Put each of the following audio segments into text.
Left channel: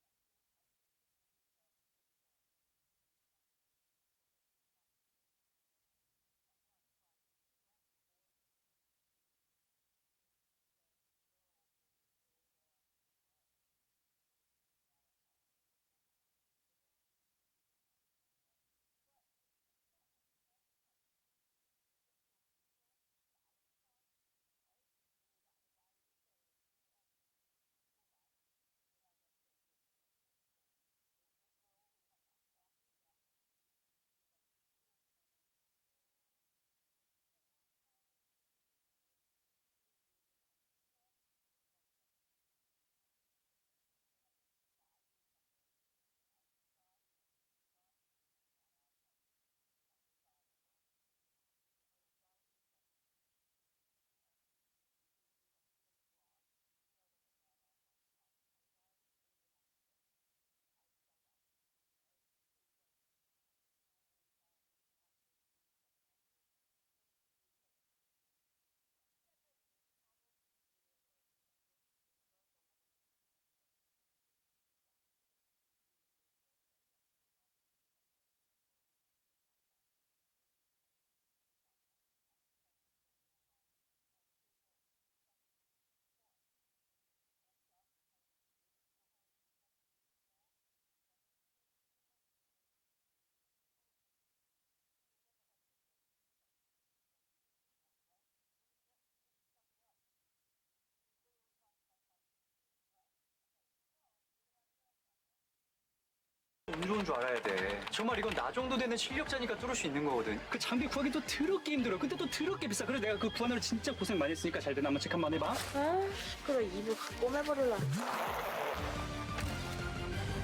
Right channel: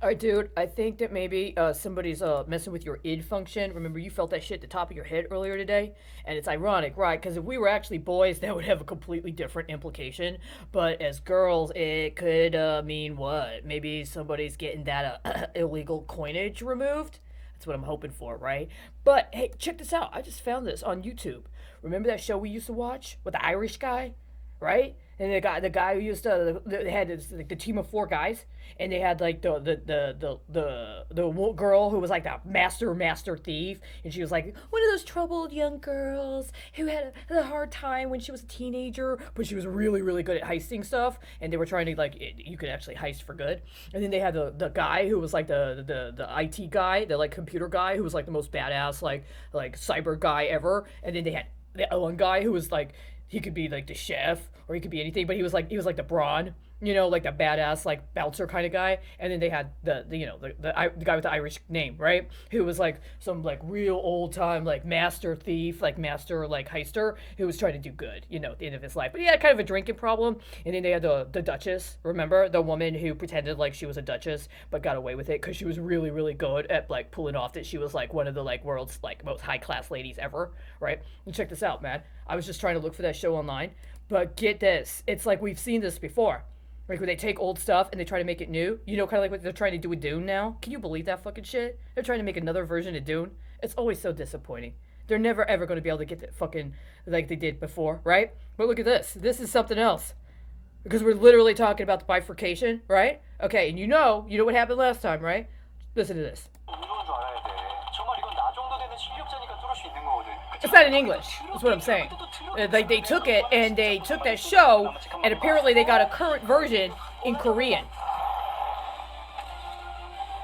All right, dude. I think that maybe somebody's messing with your id function. Remember, you felt that shit at the top of your head earlier today, and it's ironic, right? Because if we were actually boys, that would have a completely different implication. But as girls, it could mean what? Maybe somebody's getting that illegal coinage removed. That's what I'm hoping for, right? But hey, check this out. I just found this on YouTube. Remember that show we used to watch with the Irish guy, right? And the guy who used to, they had this, like the team of four guys, and they had like the girl who was like the master thief, and she was like one of those troubled young girls who had a hard time when she was a teenager, but she was really really good at heisting stuff, and they were trying to you could actually heist for good. And then they had the guy who was like the IT guy, the like computer guy who was like the most badass like cyber guy ever, and then they had the one guy who was like he could be like the chef or he could be anything, but he was like the brawn, like the badass like bouncer kind of guy. And then they had the guy with the Irish name, right? Who was like some like real old time like master thief, like master like heister who was trying to do good, at the end of his life. But he had kind of a drinking problem. And then they had the Duchess, remember the woman who pretended like she was a duchess but got away with it because she was really really good at like pulling off that she was like one of the like world's like most high class ladies ever, right? And check this out, man. I was just trying to look for that show online, but get this, it's like we've seen this before. Like when they take old stuff and they try to make it new. Kind of like what they're trying to do with Dune now. Can you believe that fucking shit? They're trying to make another version of Dune. It's always so disappointing. They're never ever going to be able to get that fucking like they did before, right? But look at this. This is something else. Because we're literally talking about the bifurcation, right? Okay, and you know what happened last time, right? Listen to this. 운 줄 알아야 돼. 정말 이건 나 정도 되는 실력자니까 뚫을 수 있는 거거든. It's not in English. That's what I'm saying. Like they took it and they took that show, and apparently they got a current version in Korean.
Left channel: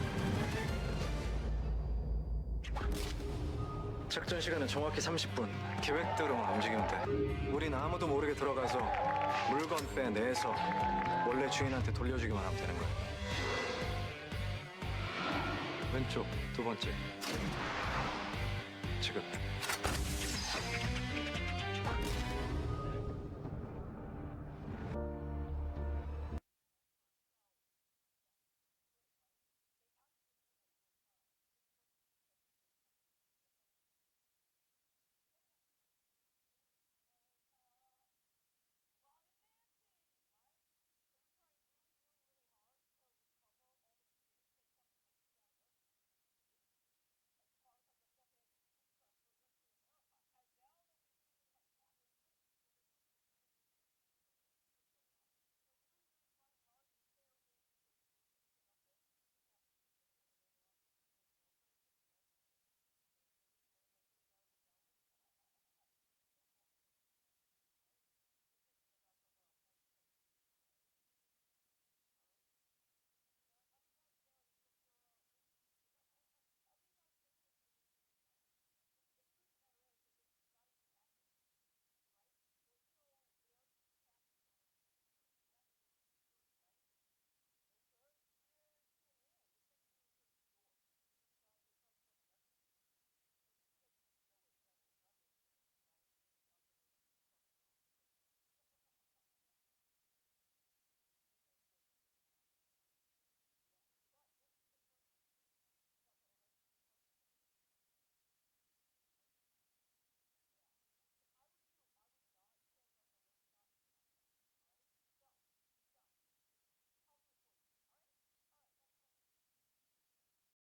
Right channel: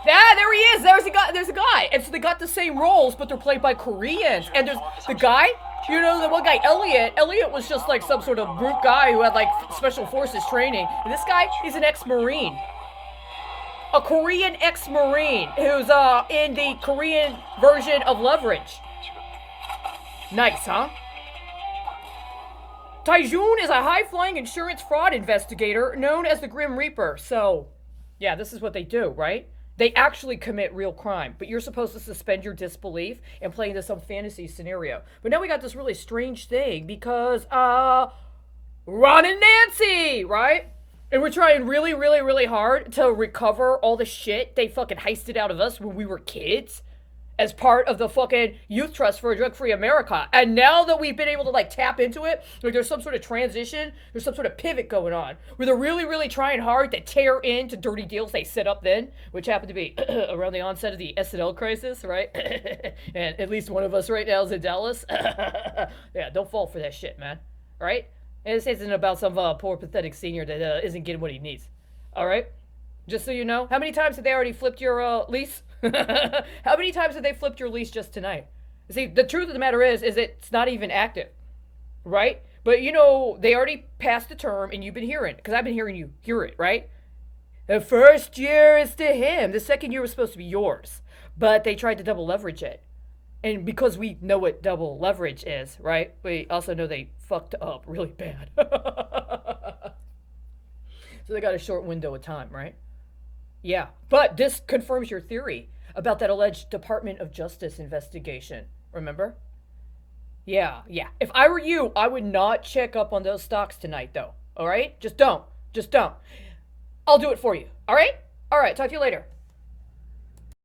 Yeah, there he is. There's a guy. And so they got the same roles, but they're played by Koreans. And there's the guy, the one guy, Elliot. Elliot was just like some sort of group guy who had like special forces training. And this guy, he's an ex-Marine. A Korean ex-Marine who's in the Korean version of Leverage. Nice, huh? Taejun is a high-flying insurance fraud investigator known as the Grim Reaper. So, yeah, this is what they do, right? They actually commit real crime, but you're supposed to suspend your disbelief and play into some fantasy scenario. But now we got this really strange thing because, Ron and Nancy, right? And we're trying really, really, really hard to recover all the shit they fucking heisted out of us when we were kids as part of the fucking Youth Trust for a Drug-Free America. And now that we've been able to like tap into it, like there's some sort of transition, there's some sort of pivot going on where they're really, really trying hard to tear into dirty deals they set up then, which happened to be around the onset of the SNL crisis, right? And at least one of us right now is in Dallas. Yeah, don't fall for that shit, man. All right? And this isn't about some poor, pathetic senior that isn't getting what he needs. All right? Just so you know, how many times have they already flipped your lease? How many times have they flipped your lease just tonight? See, the truth of the matter is it's not even active, right? But they already passed the term, and you've been hearing, because I've been hearing you hear it, right? The first year is to him. The second year was supposed to be yours, but they tried to double leverage it. And because we know what double leverage is, right? We also know they fucked up really bad. So they got a short window of time, right? Yeah. But this confirms your theory about that alleged Department of Justice investigation. Remember? Yeah, yeah. If I were you, I would not check up on those stocks tonight, though. All right? Just don't. Just don't. I'll do it for you. All right? All right. Talk to you later.